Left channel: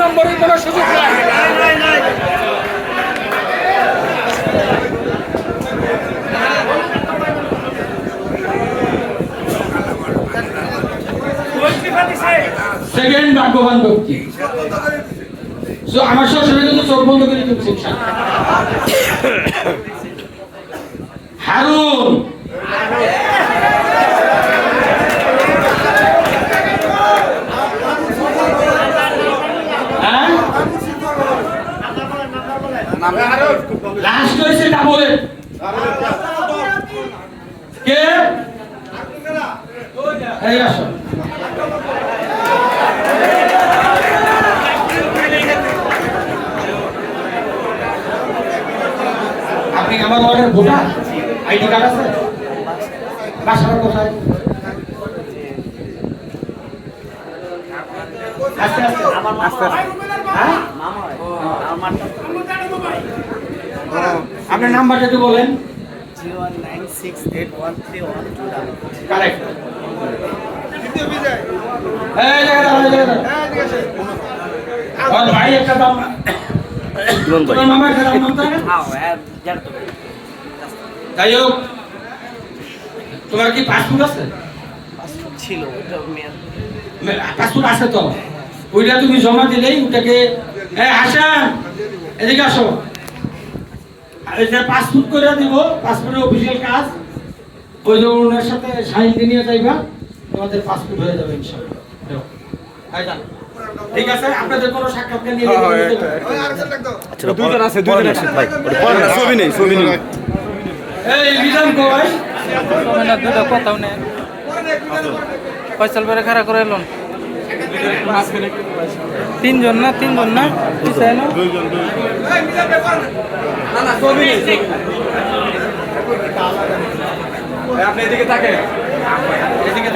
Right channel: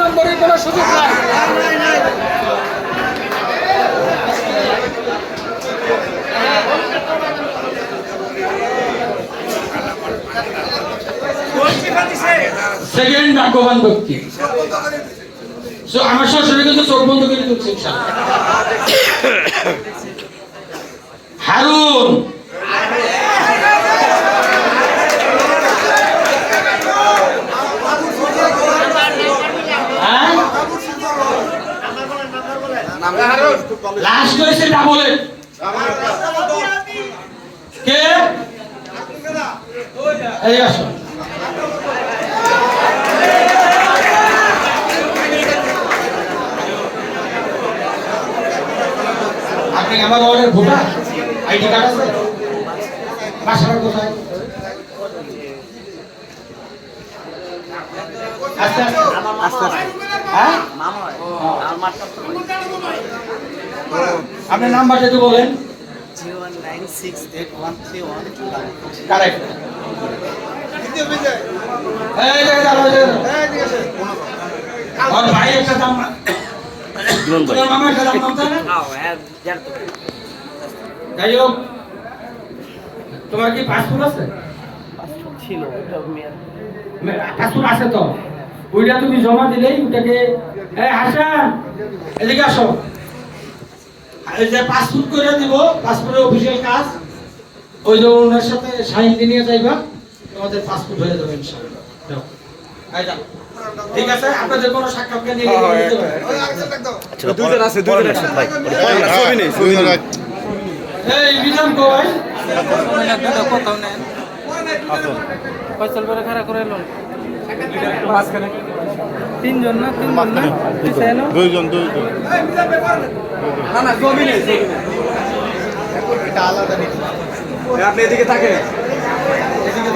নম্বরের কোনো সুযোগ নাই। সেকেন্ড ভাগ্যবান ব্যক্তি আমার শ্বশুরে কিন্তু চোখ বন্ধ করে দিচ্ছে হারুন। লাস্ট হয়েছে ডাবলের কে এই আসো আপনি আমার ওয়ার্ডের ভোটার আইডি কার্ড আছে বাসাটা কোথায় আস্তে আস্তে হ্যাঁ আপনার নাম্বারটা একটু বলেন 019681312 কারেক্ট এই ভাই একটা দাম তোমার মামা একটা দাম তাই না যাই হোক তোমার কি পাসপোর্ট আছে পাসপোর্ট ছিল ওটা পাসপোর্ট আছে তো ওইটা তুমি জমা দিলেই ওটাকে হাসান এদিকে আসো এই যে পাসপোর্ট করে দিব পাসপোর্টের অফিসিয়াল কাজ ওই যে ওনার সাথে সাইন দিয়ে নিয়ে যাইবা তোমাদের পাসপোর্ট হয়ে যাবে ইনশাআল্লাহ ঠিক আছে আপনাদের কোনো সাক্ষাৎকার নিয়ে আচ্ছা দুইজন আছে ভাই ছবি নেই এই বিধান কই দুটো কথা নেই ফয়সাল বেরে খাড়া করে এলাম তিনজন না দুইজন না না ছবি নেই আপনি এদিকে থাকেন এদিকে